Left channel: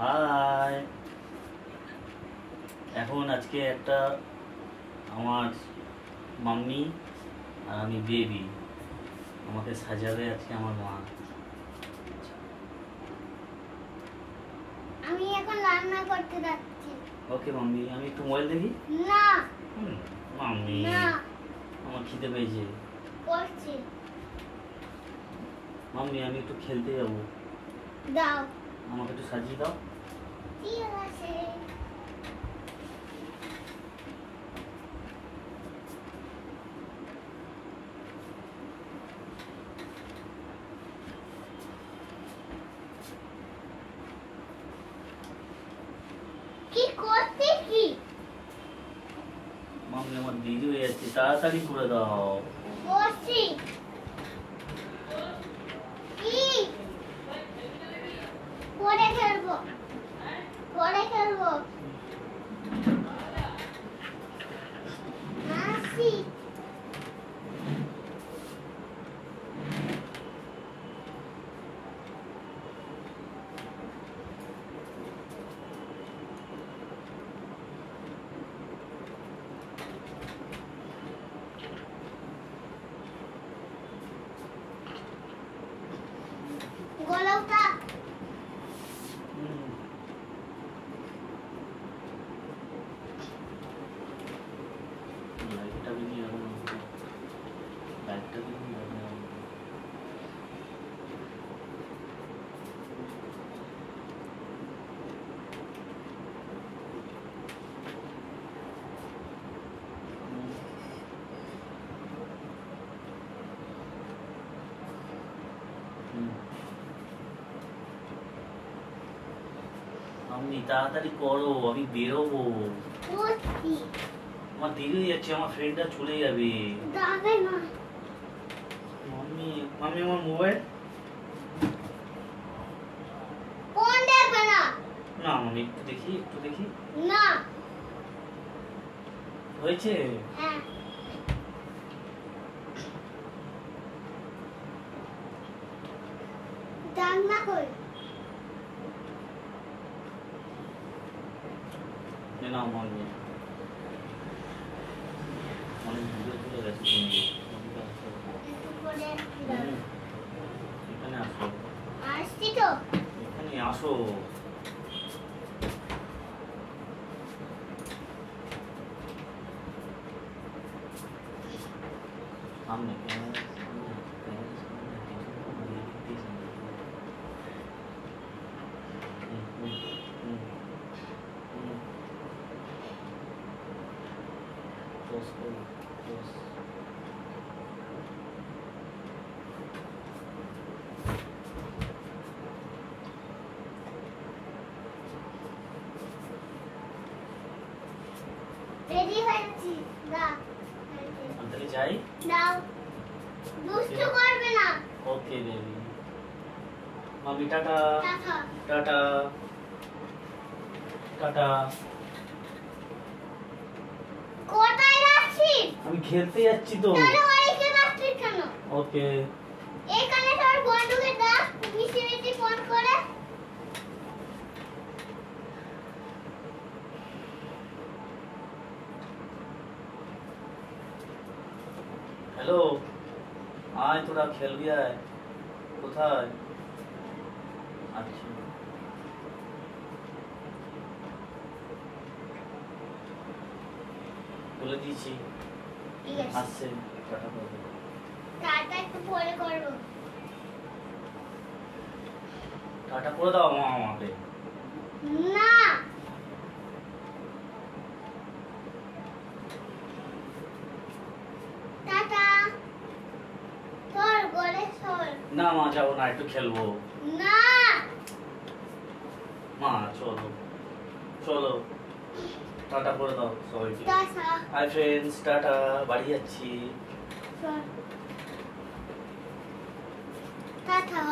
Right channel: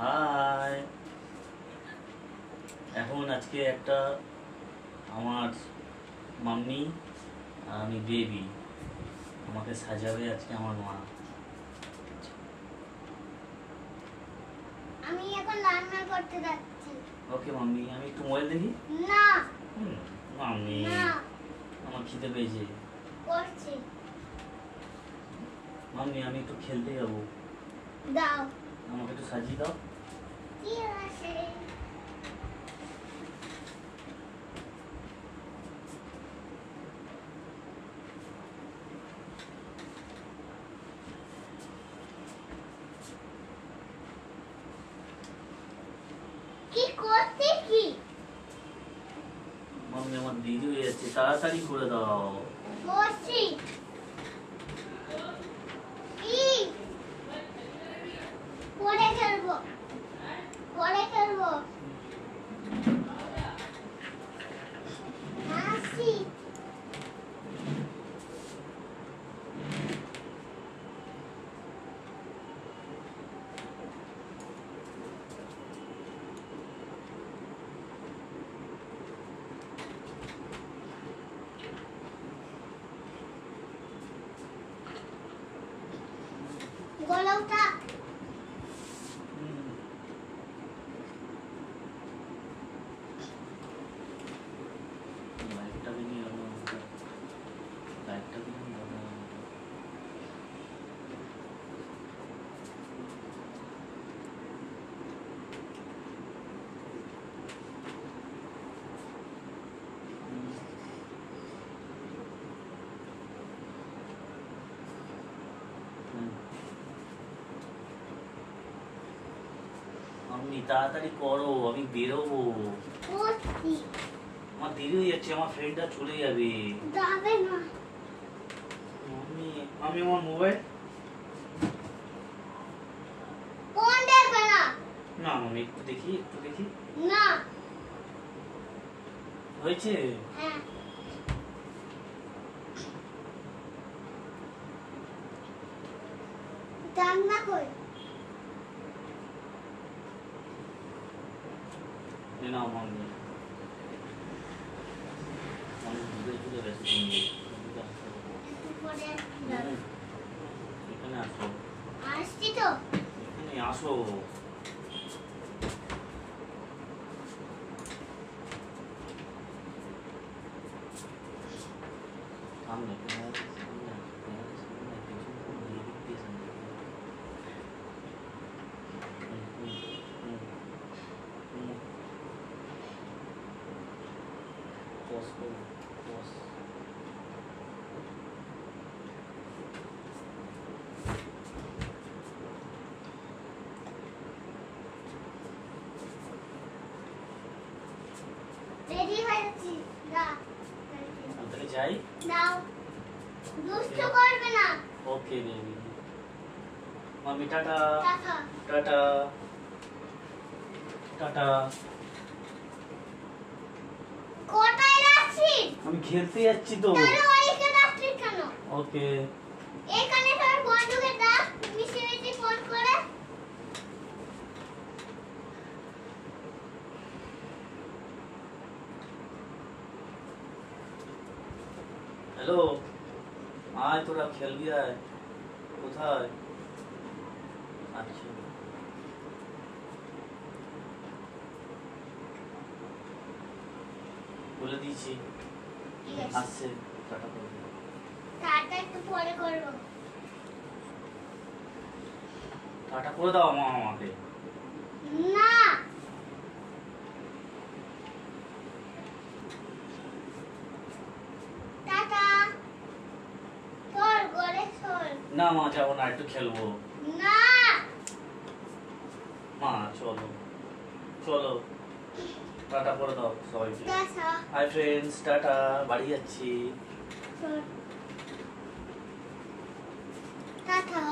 High, এখন আজকে একটা আমার মাম্মি আর আমি বেবি আমাকে সাজাবে আজকে আমার মা। আমি এখন রান্না করতে যাচ্ছি। ওকে মাম্মি, আমি একটু মোবাইল দেখি। না মাম্মি, না আমার খিদে পেয়েছে। করছি। মাম্মি, আমি একটু খেলতে যাবো, দাও। আমাকে একটু সাজিয়ে দাও। ঠিক আছে। কি করতে কি? মাম্মি, আমার দেরি হয়ে যাচ্ছে, তাড়াতাড়ি করে দাও। করছি। কি? পরে খেলবো। পরে খেলবো। আসি। গোলাটা লাইটটা নিয়ে যাবো, লাইটটা নিয়ে যাবো। মাম্মি, তাড়াতাড়ি করো, আমি বেরোবো। করছি। আমার দেরি হয়ে যাচ্ছে, আমার ফ্রেন্ডটা চলে যাবে। যাবে না। মাম্মি, মাম্মি, আমার মোবাইল। ফোন দেখবে না। না মাম্মি, একটু দেখি, একটু দেখি। না। হয়েছে? হ্যাঁ। রান্না কই? নাও মাম্মি, অনেক দূরে চলে গেছে তুমি। একটু পরে আসছি। এখানে আসো, আসছি তো। এখানে আসো। সামনে রেডি হয়ে যাচ্ছি। দাও। তাহলে যাই। দাও। দুষ্টু করবে না। Okay baby. Mummy, tata. Tata. Tata tata. কোথায় যাচ্ছি? আমি খেলতে যাচ্ছি তো। তাহলে ওইখানে যাচ্ছি কেন? ওকে। এখানে তোর বন্ধুকে ডাক, মিশি মিশি ফোন করে। হ্যালো, আয় তোরা খেলবি, আয়। কোথায়? আচ্ছা, বলে দিয়েছি, ঠিক আছে। আসছে। টাটা করবে। টাটা একটু পরে করবো। টাটা করে দাও মা আমাকে। না। টাটা। তোর গলে সর। না মা, যাবো না, একটু খেলবো। না। মা চলো, চলো। টাটা করে দাও সবাইকে। টাটা। হাই ফ্রেন্ডস, টাটা, বাড়ি যাচ্ছি। টাটা।